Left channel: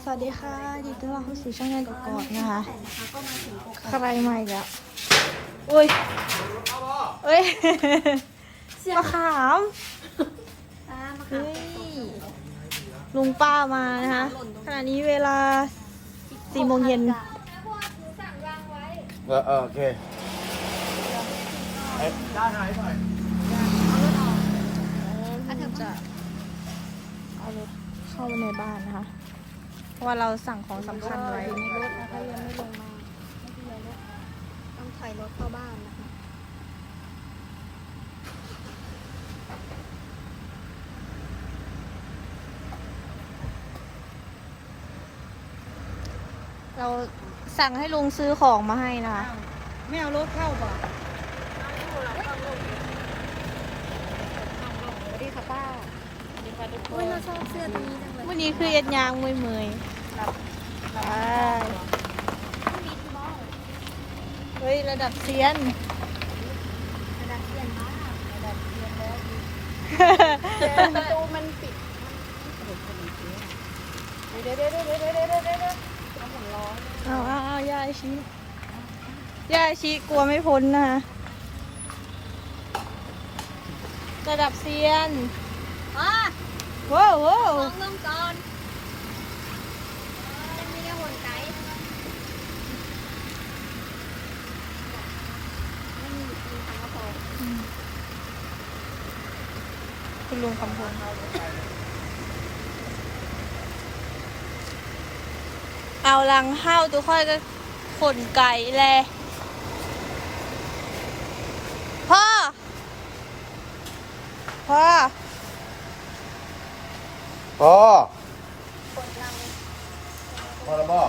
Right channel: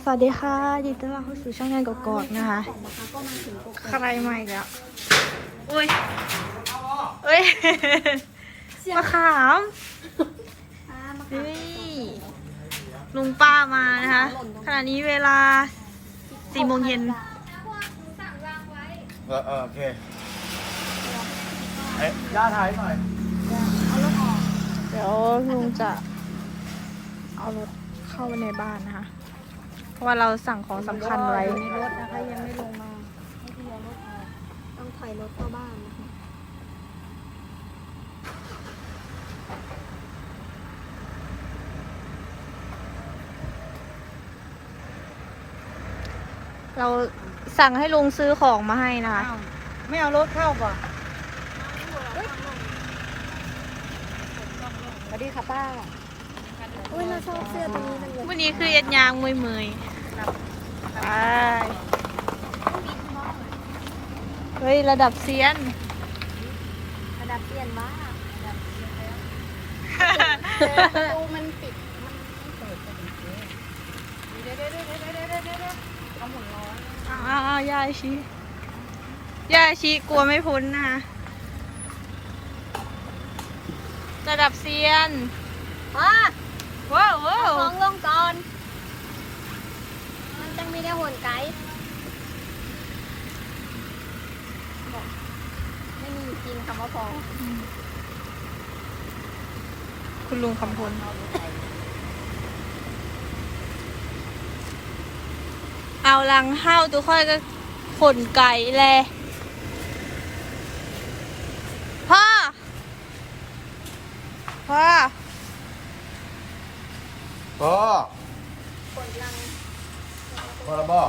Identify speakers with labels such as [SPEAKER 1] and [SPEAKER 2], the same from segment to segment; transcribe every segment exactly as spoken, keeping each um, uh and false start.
[SPEAKER 1] สวัสดีค่ะยินดีต้อนรับเข้าสู่ช่องงานกอกๆนะคะใครมาอีกแล้วอุ้ยเอ้ยมะขามเฮ้ยลุงป้ามานะคะขณะนี้เวลาสี่โมงเย็น
[SPEAKER 2] เออเออโอเคเอ๊ะย่าถ่ายหน่อย
[SPEAKER 1] เดี๋ยวลุงจะเอารถเข้าไปในบ้านนะคะ เพราะว่าเราสั่งของสำคัญไว้
[SPEAKER 3] ต้องถอยรถเข้าบ้านนะคะ
[SPEAKER 1] เราสั่งให้ลุงซื้อของมาให้นะคะ
[SPEAKER 4] ไม่เอารถเข้าป่ะสวัสดีค่ะป้า
[SPEAKER 3] อุ้ยเราชอบเสื้อตัวนี้จังเลย
[SPEAKER 1] วันนี้คือเอ็ดยางมวยเมยๆไปเฮ้ย ระดับเซียน
[SPEAKER 3] กระดาษเปลี่ยนมากประตูมันปิด
[SPEAKER 1] เอาเอาเอายายชียายชีกลัวไม่พ้นนะคะระดับเซียน
[SPEAKER 3] อ่ะ
[SPEAKER 1] ว้าวว้าว
[SPEAKER 3] ลองลงก่อนจะไม่ได้หนไกด์
[SPEAKER 1] คุณลุงคำพลเอาลังห้าวตัวค่อยก็ขนไก่แลพ่อ พ่อ
[SPEAKER 2] พ่อพ่อแล้วพ่อ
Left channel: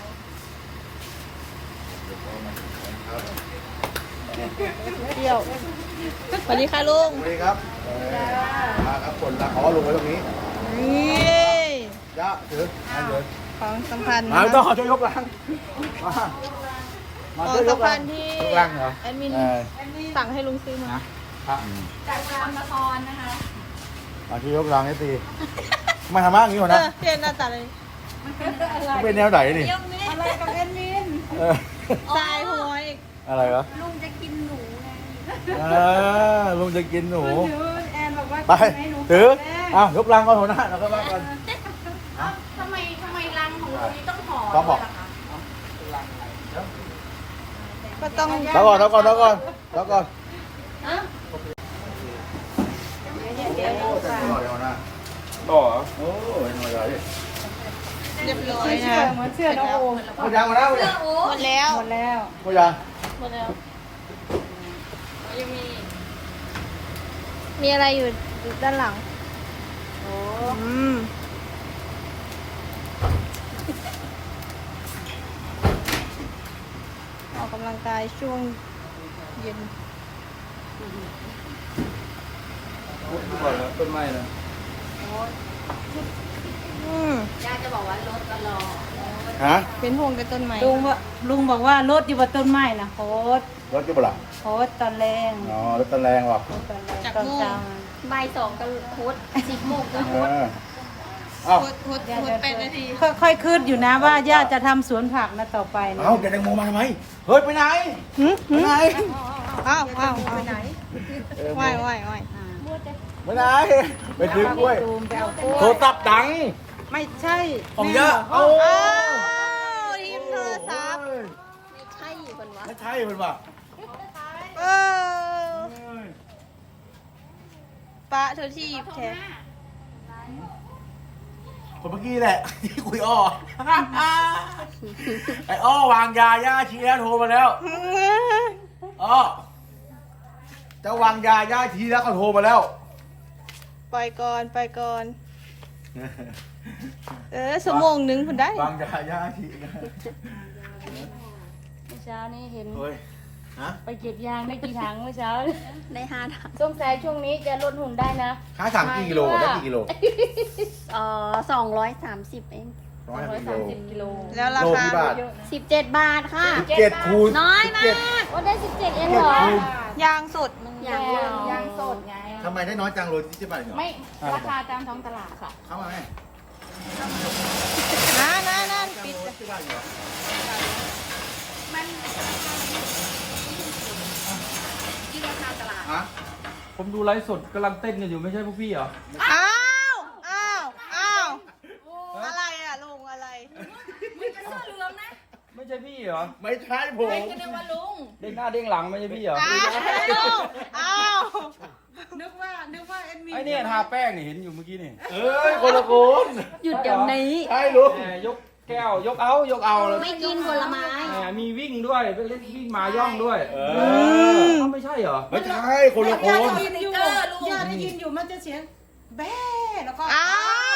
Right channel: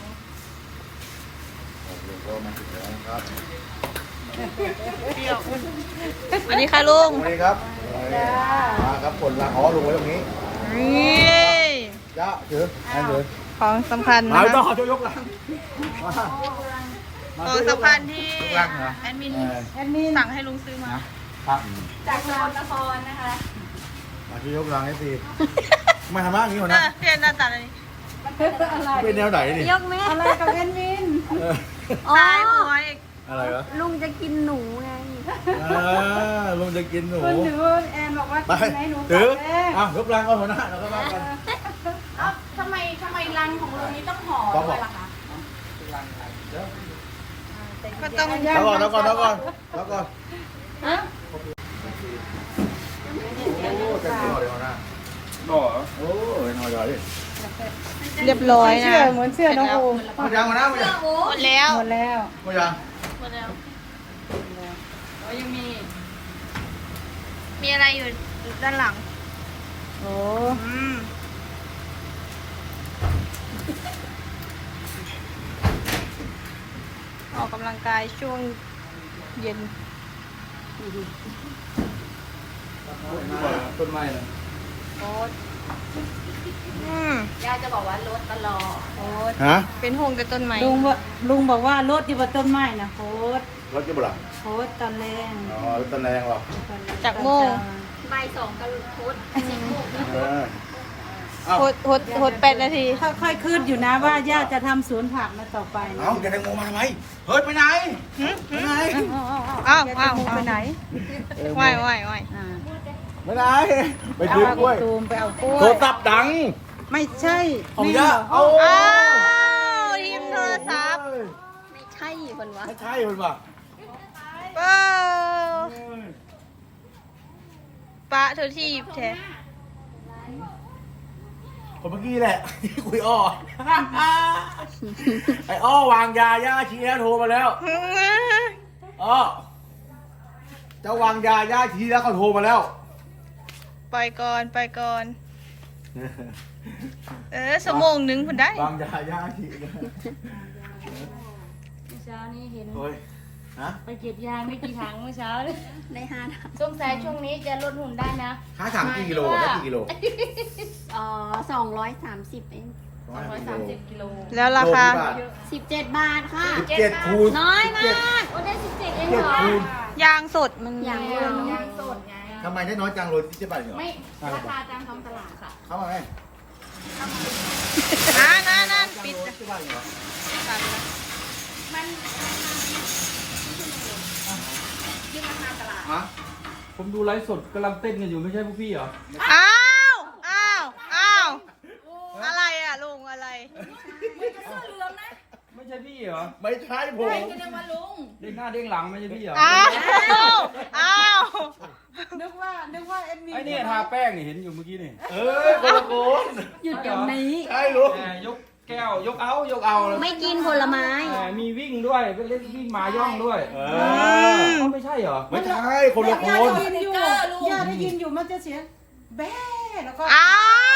[SPEAKER 2] ครับ
[SPEAKER 1] เดี่ยวสวัสดีค่ะลุง
[SPEAKER 2] สวัสดีครับมาครับคนละอ๋อลงไว้ตรงนี้
[SPEAKER 1] นี่
[SPEAKER 2] ย่าถืออันถือ
[SPEAKER 1] ของสำคัญ
[SPEAKER 2] มา
[SPEAKER 1] นะ
[SPEAKER 2] ต้อง
[SPEAKER 1] คะ
[SPEAKER 2] ช่วยยกหลังมา
[SPEAKER 1] ของสำคัญที่
[SPEAKER 2] ยกหลังเหรอ
[SPEAKER 1] แอดมิน
[SPEAKER 2] เออ
[SPEAKER 1] สั่งให้ลุงซื้อมา
[SPEAKER 2] นะครับ
[SPEAKER 4] จากนครนครนะคะ
[SPEAKER 2] มาที่ยกหลังนี่สิมาทำอะไรอย่างนี้ก่อน
[SPEAKER 1] เอ
[SPEAKER 2] นะ
[SPEAKER 1] อเรียนด้านตัดเลย
[SPEAKER 2] เป็นแนวไหนนี่
[SPEAKER 3] ยกไหม
[SPEAKER 4] อะไรกับเอ็นมิน
[SPEAKER 2] เออ
[SPEAKER 1] ตายหัวอีก
[SPEAKER 2] อะไรวะ
[SPEAKER 3] ลุงจะกินหนูไง
[SPEAKER 2] เออลุงจะกินหนู
[SPEAKER 4] คุณถือแอนบอกว่า
[SPEAKER 2] ไป
[SPEAKER 4] กินไหมหนู
[SPEAKER 2] ถือ
[SPEAKER 4] แม่
[SPEAKER 2] อ้าวยกลังก่อนหัวหน้าแล้วก็ว่ากัน
[SPEAKER 4] ทำไมทำไมรังของเรานี้ต้องห่อ
[SPEAKER 2] ต้องบอก
[SPEAKER 4] ด้วยล่ะคะ
[SPEAKER 2] เดี๋ยว
[SPEAKER 1] ก็ต้อง
[SPEAKER 2] แล้วก่อนแล้วก่อนแล้วก่อนแล้วก่อนโอ้เต็มที่เลยหัวหน้าต่อโอ้ยหน่อยเลย
[SPEAKER 1] เรียบร้อยนะ
[SPEAKER 4] เหมือนเสื้อ
[SPEAKER 1] เสร็จ
[SPEAKER 4] น้อง
[SPEAKER 1] แล้ว
[SPEAKER 4] โอ
[SPEAKER 2] หมดยังมาแล้วยัง
[SPEAKER 1] หมดแล้ว
[SPEAKER 4] หมดแล้ว
[SPEAKER 2] หมดยัง
[SPEAKER 1] หมดแล้ว
[SPEAKER 4] ยังมี
[SPEAKER 1] มีอะไรอยู่ด้านหลังอืมออกกำลังกายช่วงเย็น
[SPEAKER 2] ต้นไม้นะ
[SPEAKER 1] อืม
[SPEAKER 4] ยายจะบอกว่ารถตลอด
[SPEAKER 2] ฮะ
[SPEAKER 1] เป็นห่วงกับต้นไม้
[SPEAKER 4] ลุงบอกลุงบอกว่ารถอยู่บนต้นไม้นะโคตร
[SPEAKER 2] รถที่บุหรี่
[SPEAKER 4] โคตรตอนแรง
[SPEAKER 2] อ๋อรถตะแรงว่ะ
[SPEAKER 1] จากโมง
[SPEAKER 3] ใบสองกับโค้ดสิบโมง
[SPEAKER 2] อ้าว
[SPEAKER 1] หดหดหดแปดนาที
[SPEAKER 4] ค่อยๆคืดอยู่นะว่าย่าจะทำสวนผักนะต่อไปนะ
[SPEAKER 2] เอ้าแกแตงโมมาไหมเฮ้ยไปไหน
[SPEAKER 1] หึ
[SPEAKER 2] ไป
[SPEAKER 1] หึ
[SPEAKER 2] ไหน
[SPEAKER 1] อ้าวอ้าวอ้าวไหวไหวไหว
[SPEAKER 2] ไปไหนไปซื้อกล้วย
[SPEAKER 4] ตูมไปเอากล้วย
[SPEAKER 2] โทรศัพท์ดัง
[SPEAKER 4] ไม่ใช่
[SPEAKER 2] ของย่าเอา
[SPEAKER 1] อ้าวทีมโทรศัพท์
[SPEAKER 3] ใช่คนวะ
[SPEAKER 2] ไม่ใช่คุณว่ะ
[SPEAKER 1] เออปะเธอที่หยิบแทน
[SPEAKER 2] คนเมื่อกี้แหละที่คุยอ้อไอ้อ้อวางยาย่าชี้แล้วโทรมาแล้วอ้อจะวางยาย่าชี้แล้วเขาโทรมาแล้ว
[SPEAKER 1] ไปก่อนไปก่อน เออสมองหนึ่งคนได้
[SPEAKER 2] วางยาย่าชี้กัน
[SPEAKER 5] เมื่อเช้านี้เห็น
[SPEAKER 2] โอ้ยฮะ
[SPEAKER 5] ไปเก็บยางไม่กี่ถังเมื่อเช้า
[SPEAKER 3] ได้ห้าถัง
[SPEAKER 5] สงสัยช่วงนี้จะลดหุ่นได้นะ
[SPEAKER 2] ห้าสามกี่กิโลได้กี่กิโล
[SPEAKER 3] เอ่อสองร้อยสามสิบเอง
[SPEAKER 2] ร้อยห้าสิบกิโล
[SPEAKER 5] สิบกิโล
[SPEAKER 1] แล้วราคา
[SPEAKER 2] โลกี่บท
[SPEAKER 3] สิบเจ็ดบาทค่ะ
[SPEAKER 2] สิบเจ็ดคูณ
[SPEAKER 3] น้อยมาก
[SPEAKER 5] วันได้สิบเจ็ดเอง
[SPEAKER 2] เจ็ด
[SPEAKER 5] เหรอ
[SPEAKER 2] คูณ
[SPEAKER 1] ยางสดมัน
[SPEAKER 3] ยังไม่ได้น้อย
[SPEAKER 5] ยางสดไง
[SPEAKER 2] ทำไมได้น้อยจังโลที่เจ็ดบาทเหรอ
[SPEAKER 5] ไม่ราคาตามท้องตลาดค่ะ
[SPEAKER 2] เข้ามาไหม
[SPEAKER 1] นะ
[SPEAKER 2] บ้านเหรอ
[SPEAKER 4] มันยืนราคาตลาด
[SPEAKER 2] ฮะ
[SPEAKER 6] ผมดูไลฟ์สดกำลังเต้นกันอยู่ไม่ใช่พวกพี่เหรอ
[SPEAKER 1] อ้าวอ้าวอ้าวอะไรอ่ะลุงอะไร
[SPEAKER 4] มึงจะเสื้อเหลืองนะ
[SPEAKER 6] ไม่ใช่พี่เหรอ
[SPEAKER 2] ไม่ใช่ผม
[SPEAKER 4] ใครจะเรียกว่าลุง
[SPEAKER 6] เด้งหน้าเด้งหลังไม่ใช่พี่เหรอ
[SPEAKER 1] อ้าวอ้าว
[SPEAKER 4] นึกว่านึกว่าเอ็นวี
[SPEAKER 6] ไอ้เนี่ยทาแป้งนี่เห็นอยู่เมื่อกี้นี่
[SPEAKER 2] เอ้ยคนละคน
[SPEAKER 3] หยุดเดี๋ยวนี้
[SPEAKER 2] ใช่ลูก
[SPEAKER 6] แหมยกแก้วยกเอายกเอาแล้ว
[SPEAKER 3] ไม่กินผลไม้
[SPEAKER 6] แหมมีวิ่งด้วยไปเล่นวิ่งมาย่องด้วย
[SPEAKER 2] เอ
[SPEAKER 6] เอ
[SPEAKER 2] อ
[SPEAKER 6] อไม่ใช่เหรอ
[SPEAKER 2] ไม่ใช่คนละคน
[SPEAKER 4] สติ๊กเกอร์ลุง
[SPEAKER 7] ย่าได้ยินอยู่มันจะเสียงแบ้แล้วก็
[SPEAKER 1] อ้าว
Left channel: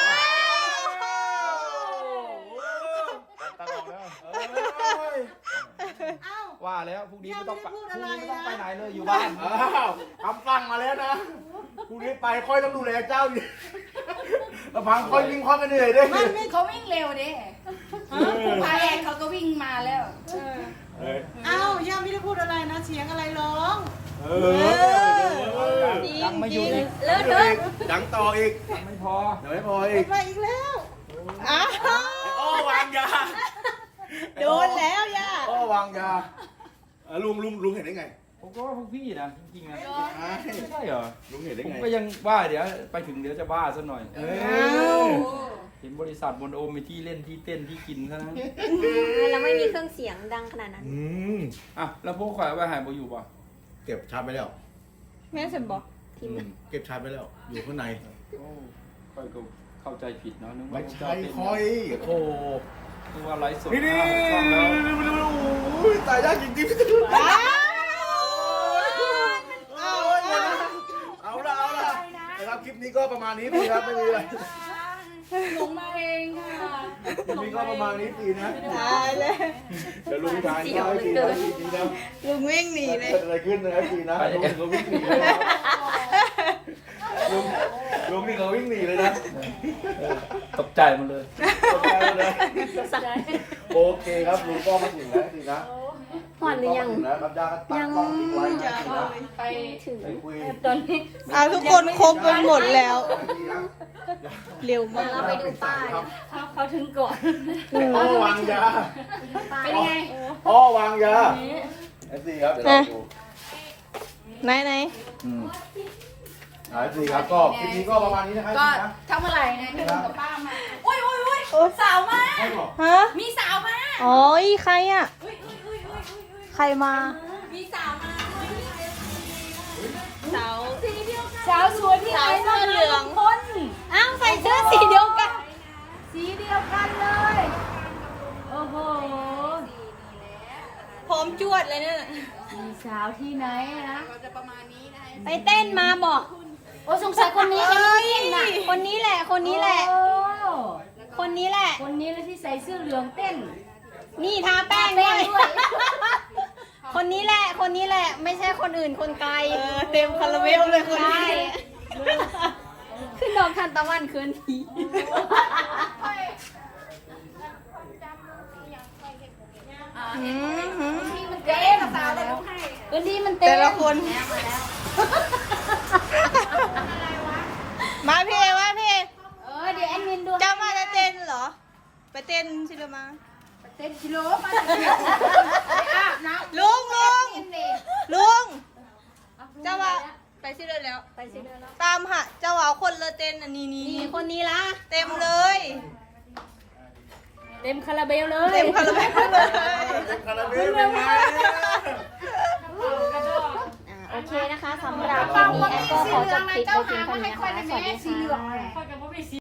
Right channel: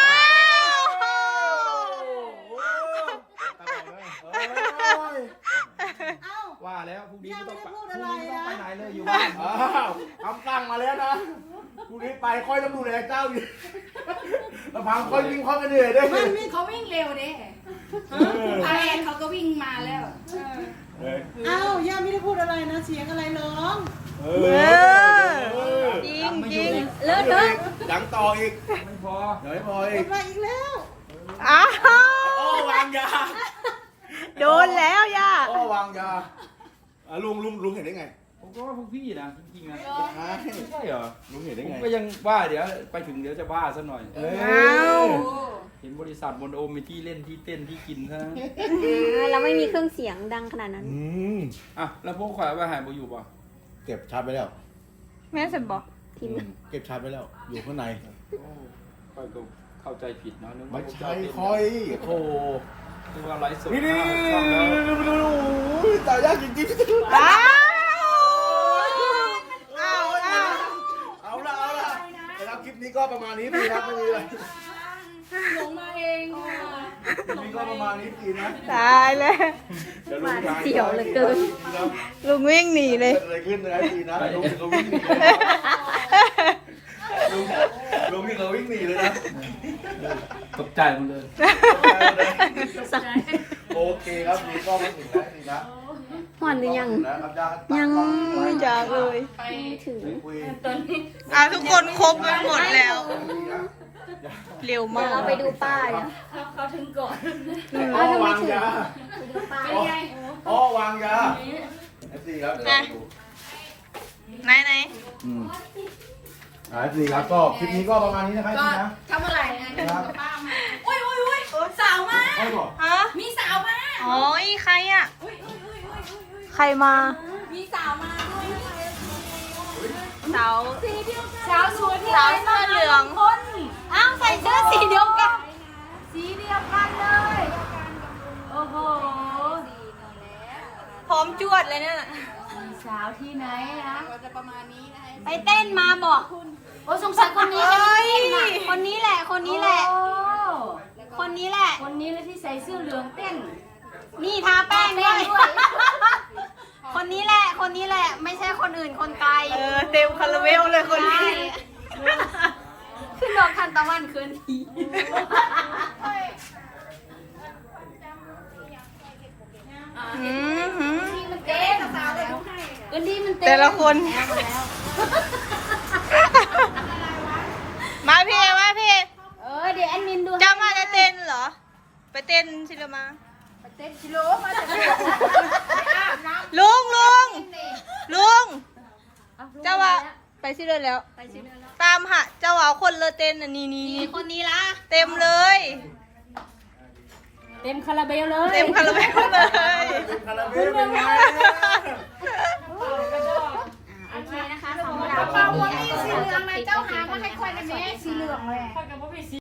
[SPEAKER 7] เอ้า
[SPEAKER 6] ว่าแล้วพรุ่งนี้ไม่ต้องไป
[SPEAKER 7] ยัง
[SPEAKER 6] พ
[SPEAKER 7] ไม่
[SPEAKER 6] รุ่ง
[SPEAKER 7] ได้พูดอะไร
[SPEAKER 6] นี้ไม่ต้องไป
[SPEAKER 7] นะ
[SPEAKER 6] ไหนเลยอยู่บ้าน
[SPEAKER 2] อ้าวคำสั่งมาแล้วนะคุณนี้ไปค่อยต้องดูแลเจ้าอยู่ลำพังค่อยวิ่งค่อยกันเหนื่อยด้วย
[SPEAKER 7] มันไม่
[SPEAKER 4] เขาวิ่งเร็วเด้พาแอนเขาก็วิ่งมาแล้ว
[SPEAKER 2] เออ
[SPEAKER 7] เอ้าย่าไม่ได้พูดอะไรนะ เสียงอะไรร้อง
[SPEAKER 2] เอ
[SPEAKER 1] เอ
[SPEAKER 2] อ
[SPEAKER 1] อจริงจริง
[SPEAKER 2] เลิกเลิกดังต่ออีก
[SPEAKER 6] ไม่พอ
[SPEAKER 2] เดี๋ยวไม่พอ
[SPEAKER 7] หม
[SPEAKER 2] อี
[SPEAKER 7] ด
[SPEAKER 2] ก
[SPEAKER 7] ไปอีกแล้ว
[SPEAKER 1] อ้าว
[SPEAKER 2] โอ้วางยา
[SPEAKER 1] โดนแล้วย่า
[SPEAKER 2] โอ้วางยาอ่ะลุงลุงลุงเห็นได้ไง
[SPEAKER 6] ผมก็ว่าพวกพี่นะจริงๆนะ
[SPEAKER 2] ใช่
[SPEAKER 6] ไม่ใช่เหรอ
[SPEAKER 2] ลุงเห็นได้
[SPEAKER 6] ผม
[SPEAKER 2] ไง
[SPEAKER 6] ก็ยังว่าเดี๋ยวไปถึงเดี๋ยวจะบ้าซะหน่อย
[SPEAKER 2] เอ้
[SPEAKER 1] อ้าวย
[SPEAKER 6] เห็นบริษัทบนโอมมีที่เล่นที่เต้นที่กินซะนะ
[SPEAKER 3] เราไม่มีเครื่องเสียงดังขนาดนั้น
[SPEAKER 2] อืม
[SPEAKER 6] อ่ะแล้วพวกข่อยเอาไปหายบ่อยู่ป่ะ
[SPEAKER 2] เก็บชาร์จไปแล้ว
[SPEAKER 1] แม่นสันบอก
[SPEAKER 2] อืมเก็บชาร์จไปแล้ว อยู่ข้างใน
[SPEAKER 6] โอ้ข่อยก็เข้าใจผิดเนาะนึก
[SPEAKER 2] ไม่
[SPEAKER 6] ว่าพวก
[SPEAKER 2] ใช่
[SPEAKER 6] เจ้าเต้น
[SPEAKER 2] คอยโอ้
[SPEAKER 6] นึกว่าไลฟ์สด
[SPEAKER 2] นี่นี่
[SPEAKER 6] ห้าหกช่องแล้ว
[SPEAKER 2] โอ้ยตายยากจริงๆ
[SPEAKER 1] อ้าวอ้าวอ้าว
[SPEAKER 2] เอาละเอาละนะครับคลิปนี้ก็ประมาณนี้ดีครับไม่มีอะไร
[SPEAKER 4] หลงมาเองค่ะ
[SPEAKER 2] คลิปนี้ก็ประมาณนี้ดีนะ
[SPEAKER 1] ตายเลย
[SPEAKER 2] เดี๋ยวลุงทาย
[SPEAKER 3] เสียวเหลือเกิน
[SPEAKER 1] ลุงวิ่งหนีเลย
[SPEAKER 2] เกิดอะไรขึ้นเลยดีนะลุงวิ่งหนีเลยลุงลุงวิ่งเราวิ่งหนีเลยนะ
[SPEAKER 6] ตกใจหมดเลย
[SPEAKER 2] โอเคครับลุงก็ไม่หนีนะดีนะ
[SPEAKER 3] หวานหรือยัง
[SPEAKER 2] ยัง
[SPEAKER 1] ไม่อยากเลย
[SPEAKER 4] ไป
[SPEAKER 3] ถึง
[SPEAKER 2] คุย
[SPEAKER 4] ตอนนี้
[SPEAKER 1] อ่ะทุกคนครบไปหมดแล้ว เร็วมาก
[SPEAKER 3] เอาไปดูป้าย
[SPEAKER 4] เขาเขาถึงก่อน
[SPEAKER 2] อ้อวางยา
[SPEAKER 4] เป็นไง
[SPEAKER 2] อ้อวางยาเอฟซีครับเดี๋ยวเราดู
[SPEAKER 1] ไหนไหน
[SPEAKER 2] อืมเอฟซีครับก็คลิปนี้ก็ประมาณนี้นะครับ
[SPEAKER 4] ก็
[SPEAKER 2] นะ
[SPEAKER 4] ทำอะไรนะป้ามาอุ้ยอุ้ยอุ้ยสาวมา
[SPEAKER 2] ใช่บอก
[SPEAKER 1] ฮะ
[SPEAKER 4] มีสาวมา
[SPEAKER 1] อ๋ออีใครอ่ะ
[SPEAKER 4] อุ้ยอุ้ยอุ้ยอุ้ยอุ้ย
[SPEAKER 1] ใครมา
[SPEAKER 4] มีสาวมาด้วย
[SPEAKER 1] สาว
[SPEAKER 4] สาวสวย
[SPEAKER 1] สาวเสื้อเหลือง
[SPEAKER 4] คนอ้าวใส่เสื้อสีเดียวกัน สีเดียวกันเลย โอ้โห
[SPEAKER 1] พร้อมจวดเลยเนี่ย
[SPEAKER 4] มีสาวที่ไหนนะ
[SPEAKER 3] ไปเต้นมาบอก
[SPEAKER 4] โอ้สงสัยคนนี้
[SPEAKER 1] เอ้ย
[SPEAKER 3] คนนี้แหละ คนนี้แหละ
[SPEAKER 4] โอ้
[SPEAKER 3] คนนี้แหละ
[SPEAKER 4] คนนี้แหละที่ใส่เสื้อเหลืองเต้น
[SPEAKER 3] นี่ทาแป้งด้วย คนนี้แหละ คนนี้แหละ ไม่ใช่คนอื่นคนไกล
[SPEAKER 1] เออเต็มคาราเบลเลยคนนี้
[SPEAKER 3] ขึ้นดอกทันตะวันคืนที
[SPEAKER 1] หืมหืม
[SPEAKER 4] เต้นสาวเลยดูให้
[SPEAKER 3] คืนทีมันเต็ม
[SPEAKER 1] แต่ละคน
[SPEAKER 3] แล้วมาแล้ว
[SPEAKER 1] มาพี่เอมาพี่เอ
[SPEAKER 3] เออเดี๋ยวแอดมินดู
[SPEAKER 1] เจ้ามาจะเต้นเหรอ ไปเต้นสิละมา
[SPEAKER 4] เต้นกิโลมาจากกิโลอาบน้
[SPEAKER 1] ลุงลุง
[SPEAKER 4] ำ
[SPEAKER 1] ลุง เจ้าว่าไปสิเลยแล้ว ตามหาเจ้าว่าเอาคนเลยเต้นอันนี้นี่
[SPEAKER 3] นี่
[SPEAKER 1] นี่
[SPEAKER 3] คนนี้ละ
[SPEAKER 1] เต็มเลย
[SPEAKER 4] เต็มคาราเบลเลย
[SPEAKER 1] เต็มคาราเบลเลย
[SPEAKER 2] เป็นคาราเบลเป็นไง
[SPEAKER 3] โอเคนะคะสำหรับ
[SPEAKER 4] กระเป๋าวันนี้สีเหลืองเลยเจ้าหามาให้คอยในแม่สีเหลืองเลย